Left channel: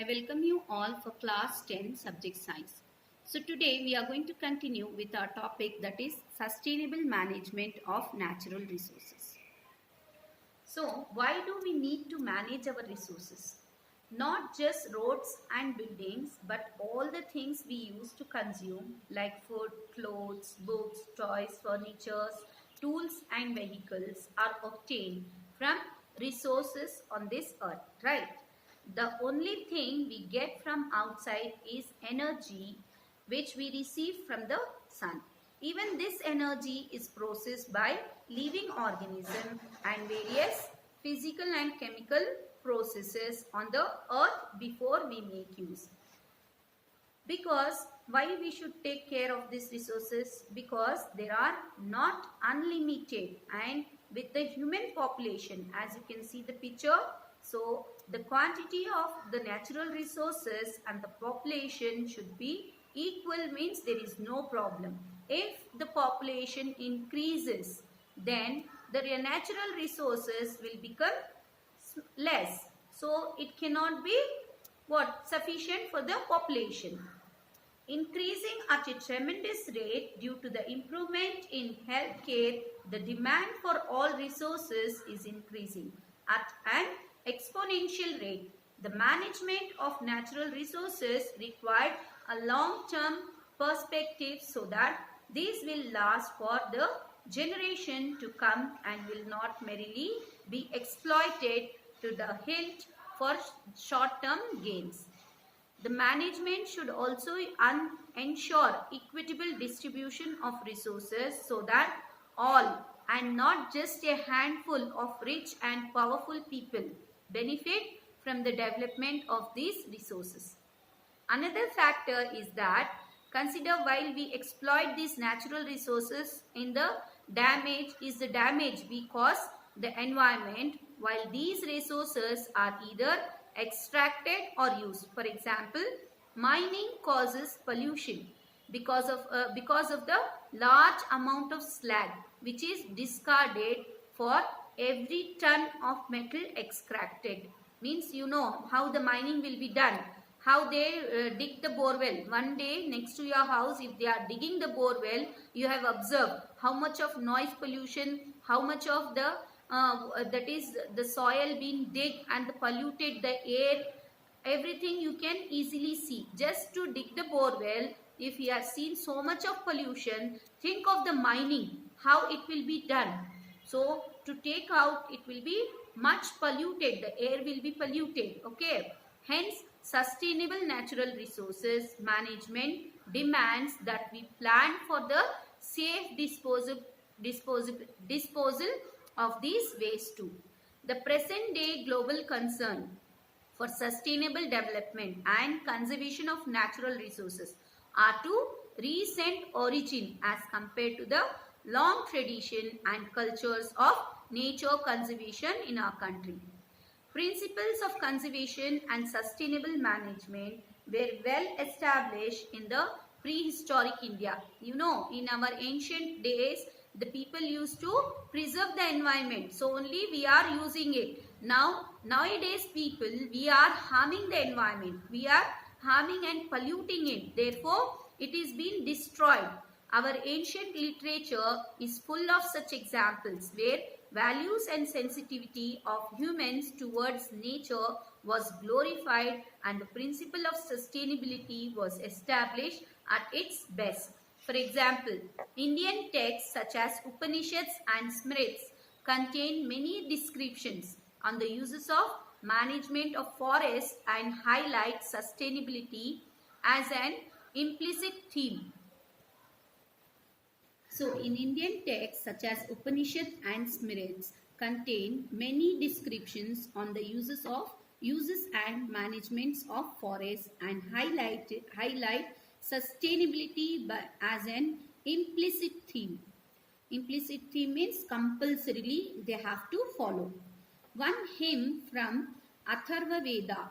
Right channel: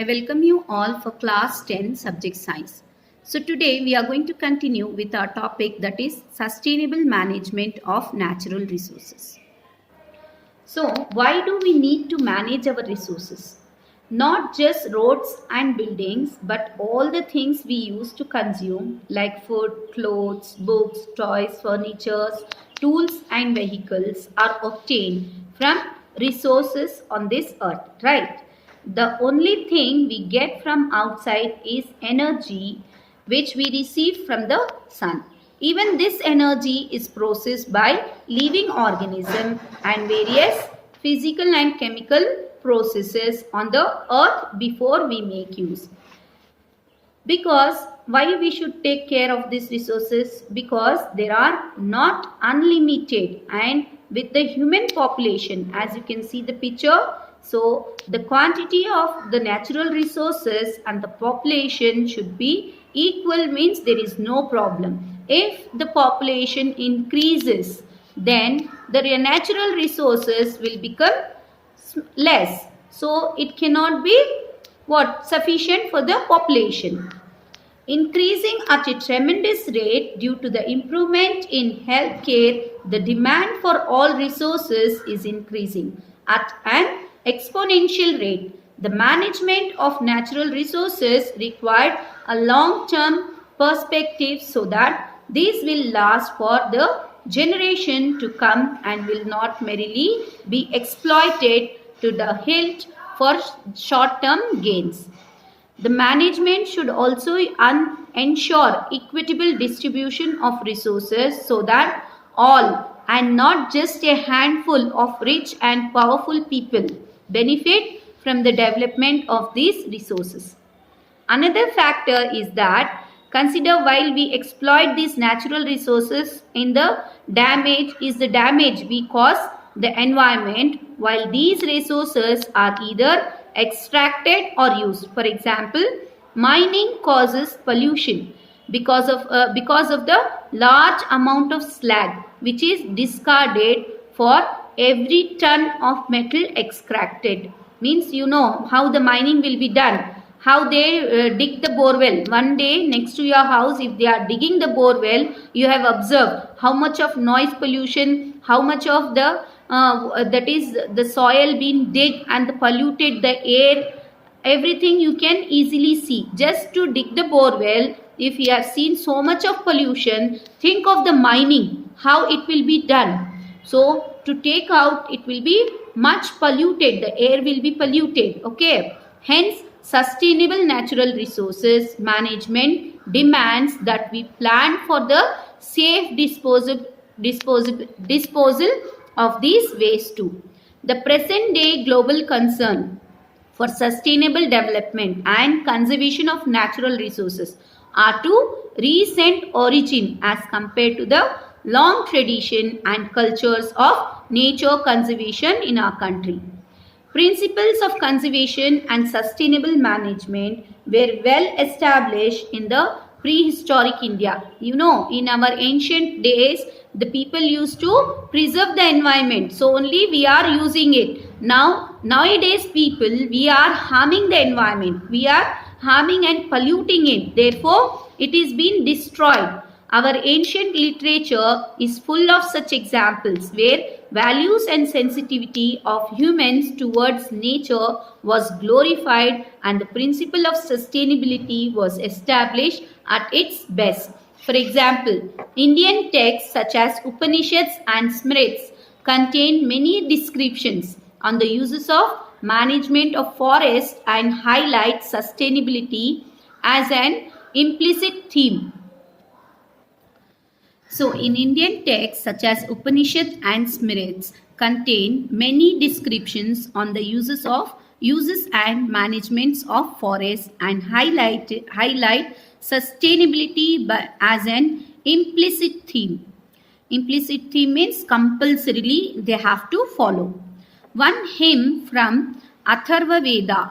I welcome you all for class 10 subject science. So today we are going to continue with our topic, that is sustainable management of natural resources. So why do we need to manage our resources? Not just roads and buildings, but all the things we use to consume like food, clothes, books, toys, furniture, tools and vehicles are obtained from resources on this earth, right? The only thing we get from outside is energy which we receive from the sun. Even this energy is processed by living organisms and various physical and chemical processes on the earth before we make use. Because why we should take care of these resources? Because they are not unlimited, and with the human population, as you can see the picture, so the quantity of the natural resources and the population should be equal, means there is no problem. If the population increases, then the natural resources will become less, so it cannot be sufficient for the population. Increasing at a tremendous rate due to the improvement in healthcare, the demand for all resources is increasing at an exponential rate. The management of natural resources required a long-term perspective so that these will last for the generation to come and will not merely be exploited to the hilt for short-term gains. The management should also ensure equitable distribution of resources so that all, and not just a handful of rich and powerful people, benefit from the development of these resources. Another factor is that consider while we exploit these natural resources in the damage we cause the environment while these resources are either extracted or used. For example, mining causes pollution because of the large amount of slag which is discarded for every ton of metal extracted. Means you know how the mining will be done, how they dig the borewell. One day next to your house, if they are digging the borewell, you have observed how much of noise pollution, how much of the that is the soil being dig and the polluted the air, everything you can easily see. Just to dig the borewell, if you have seen so much of pollution, think of the mining, how it will be done. So to take out, it will be much polluted, the air will be polluted. Okay, hence sustainable natural resources management demands that we plan for the safe disposal of these waste too. The present day global concern for sustainable development and conservation of natural resources are to recent origin as compared to the long tradition and cultures of nature conservation in our country. Principles of conservation and sustainable management were well established in the prehistoric India. You know, in our ancient days, the people used to preserve the environment, so only we are using it. Nowadays people, we are harming the environment, we are harming and polluting it, therefore it is being destroyed. Our ancient literature is full of such examples where values and sensitivity of humans towards nature was glorified and the principle of sustainability was established at its best. For example, Indian texts such as Upanishads and Smrits contain many descriptions on the uses of management of forests and highlight sustainability as an implicit theme. So in Indian texts such as Upanishads and Smrits contain many descriptions on the uses and managements of forests and highlight sustainability as an implicit theme. Implicit theme means compulsorily they have to follow. One hymn from Atharva Veda,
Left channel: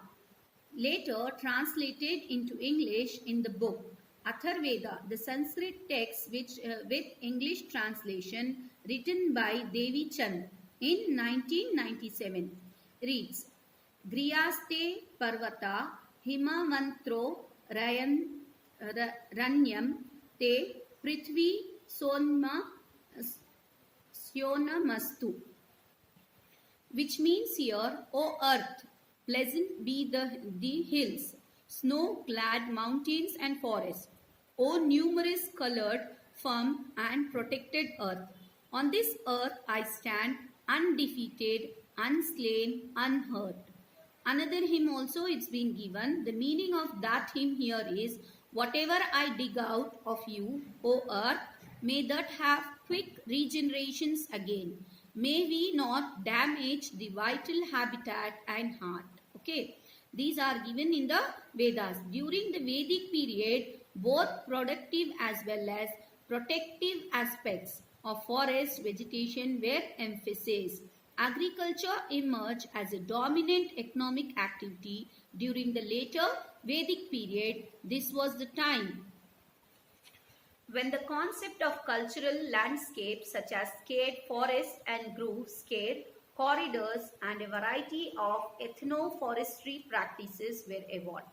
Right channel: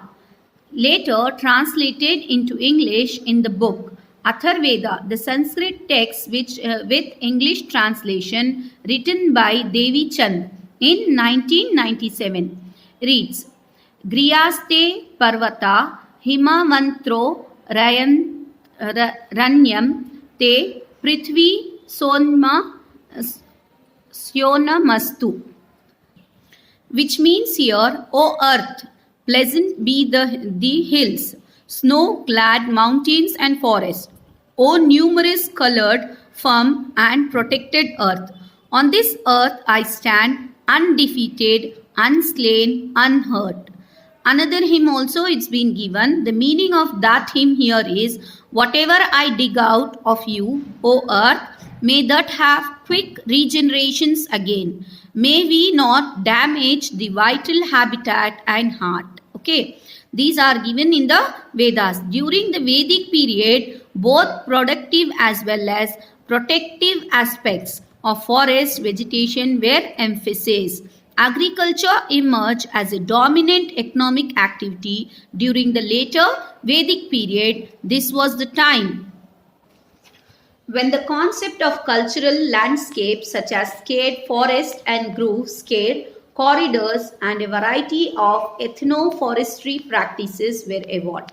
later translated into English in the book Atharvaveda, the Sanskrit text with English translation written by Devi Chand in 1997, reads, Griyaste Parvata himavantro ranyam te prithvi sonma syonamastu, which means here, O earth, pleasant be the hills, snow-clad mountains and forests, O numerous colored, firm and protected earth. On this earth I stand undefeated, unslain, unhurt. Another hymn also it's been given. The meaning of that hymn here is, whatever I dig out of you, O earth, may that have quick regenerations again. May we not damage the vital habitat and heart. Okay, these are given in the Vedas. During the Vedic period, both productive as well as protective aspects of forest vegetation were emphasized. Agriculture emerged as a dominant economic activity during the later Vedic period. This was the time when the concept of cultural landscapes such as scared forests and groves, scared corridors and a variety of ethno-forestry practices were evolved.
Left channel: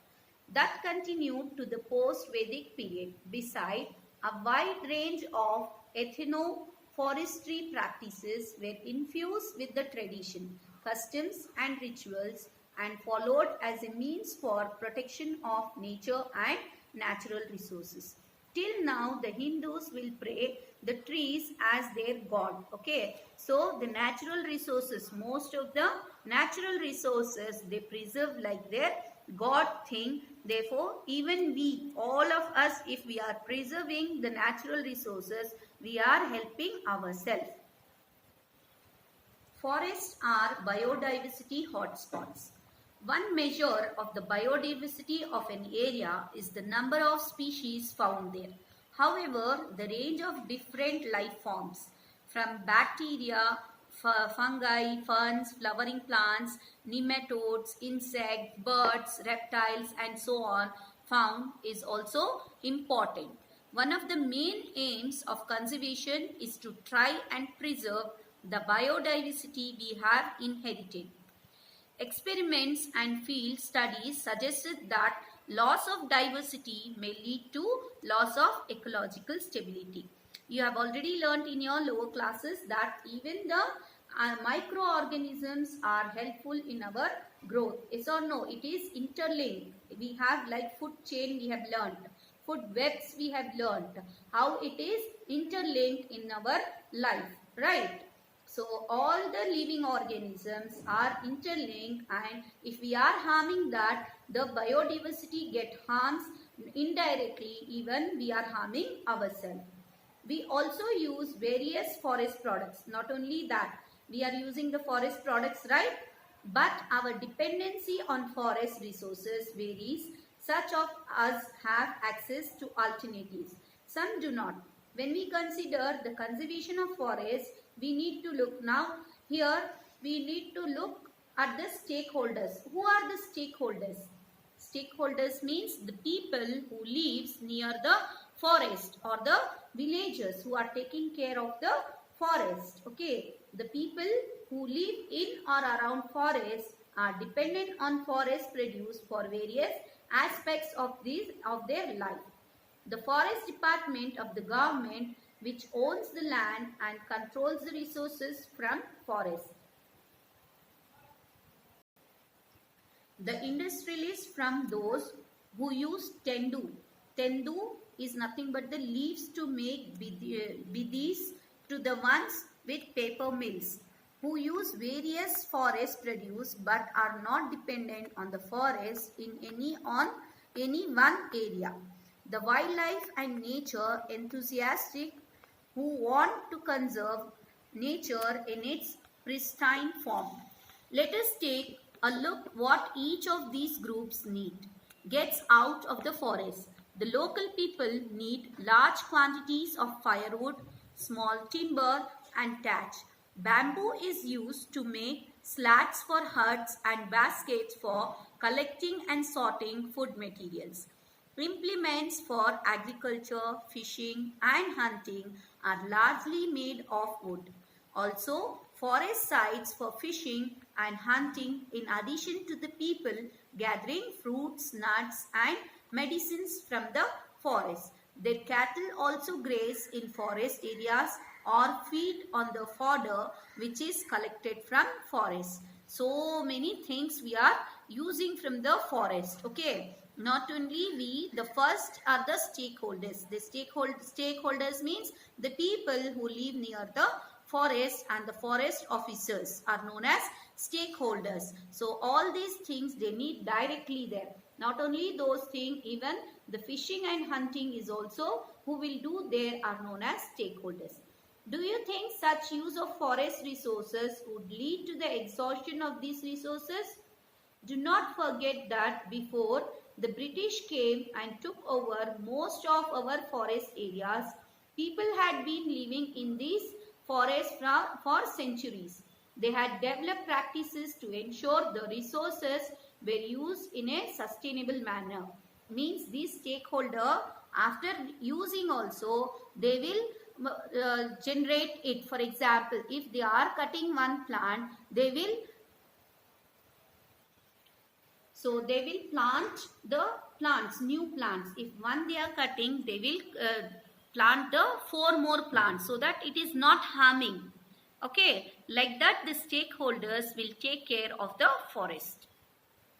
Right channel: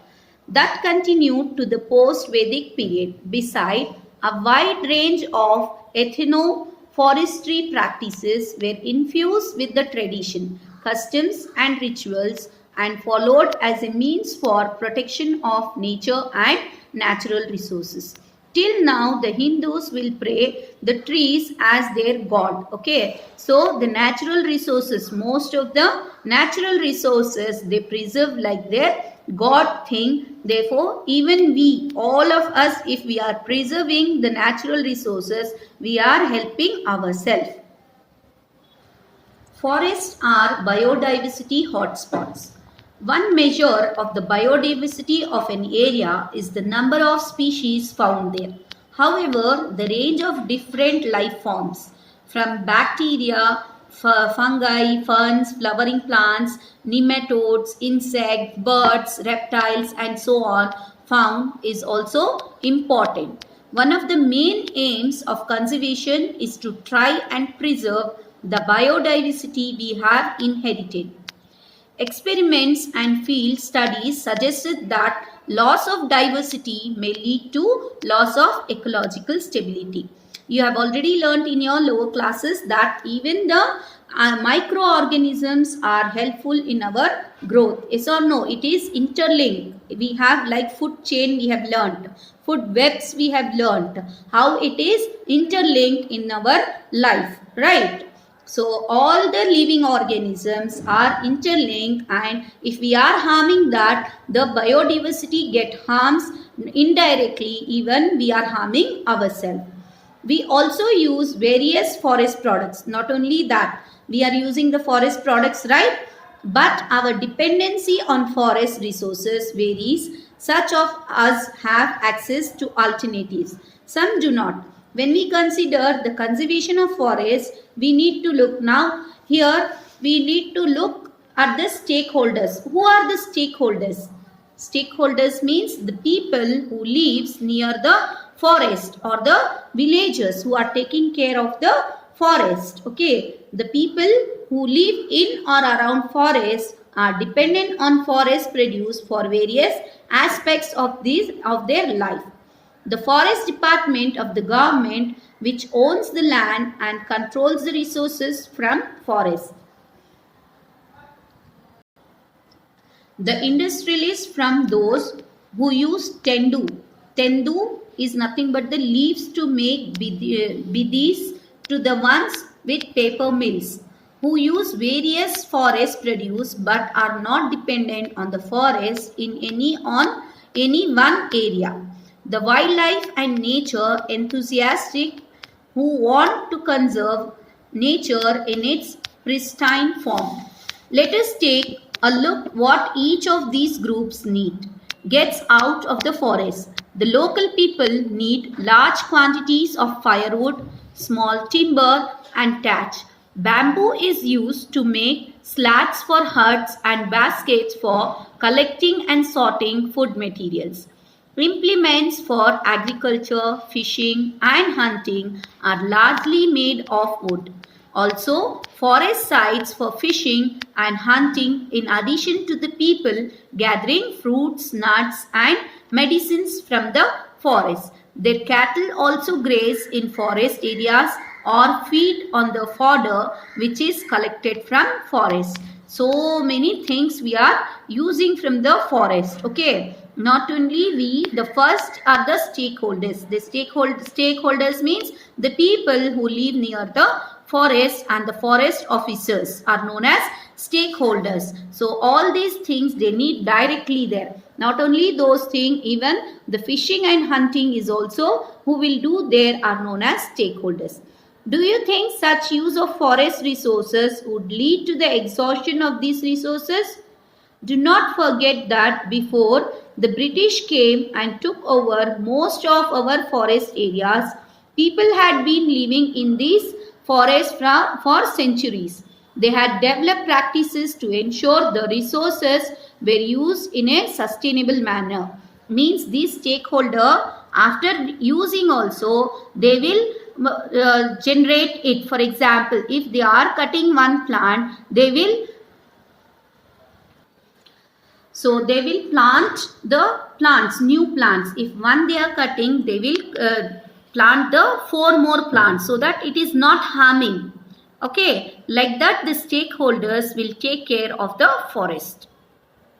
That continued to the post-Vedic period. Beside, a wide range of ethno-forestry practices were infused with the tradition, customs and rituals and followed as a means for protection of nature and natural resources. Till now, the Hindus will pray the trees as their god. Okay, so the natural resources, most of the natural resources, they preserve like their god thing. Therefore, even we, all of us, if we are preserving the natural resources, we are helping ourselves. Forests are biodiversity hotspots. One measure of the biodiversity of an area is the number of species found there. However, the range of different life forms, from bacteria, fungi, ferns, flowering plants, nematodes, insects, birds, reptiles, and so on, found is also important. One of the main aims of conservation is to try and preserve the biodiversity we have inherited. Experiments and field studies suggested that loss of diversity may lead to loss of ecological stability. You have already learnt in your lower classes that even the microorganisms are helpful in our growth. Yes or no? It is interlinked. We have like food chain we have learnt. Food webs we have learnt. How it is interlinked in our life. Right? So all the living organisms are interlinked, and if we are harming that, the biodiversity get harms indirectly, even we are harming ourselves. We also use various forest products. Not only that, we are using the forest products, right? But our dependency on forest resources varies. Such of us have access to alternatives. Some do not. When we consider the conservation of forests, we need to look now here, we need to look at the stakeholders. Who are the stakeholders? Stakeholders means the people who lives near the forest or the villagers who are taking care of the forest. Okay, the people who live in or around forest are dependent on forest produce for various aspects of their life. The forest department of the government which owns the land and controls the resources from forests. The industrialists from those who use tendu. Tendu is nothing but the leaves to make bidis to the ones with paper mills who use various forest produce but are not dependent on the forest in any one area. The wildlife and nature enthusiastic who want to conserve nature in its pristine form. Let us take a look what each of these groups gets out of the forest. The local people need large quantities of firewood, small timber and thatch. Bamboo is used to make slats for huts and baskets for collecting and sorting food materials. Implements for agriculture, fishing and hunting are largely made of wood. Also, forest sites for fishing and hunting in addition to the people gathering fruits, nuts and medicines from the forest. Their cattle also graze in forest areas or feed on the fodder which is collected from forest. So many things we are using from the forest. Okay. Not only we, the first are the stakeholders. The stakeholders means the people who live near the forest, and the forest officers are known as stakeholders. So all these things they need directly there. Not only those things, even the fishing and hunting is also who will do there are known as stakeholders. Do you think such use of forest resources would lead to the exhaustion of these resources? Do not forget that before the British came and took over most of our forest areas, people had been living in these forests for centuries. They had developed practices to ensure the resources were used in a sustainable manner. Means these stakeholder, after using also, they will generate it. For example, if they are cutting one plant, they will plant the plants, new plants. If one they are cutting, they will plant the 4 more plants so that it is not harming. Okay, like that the stakeholders will take care of the forest.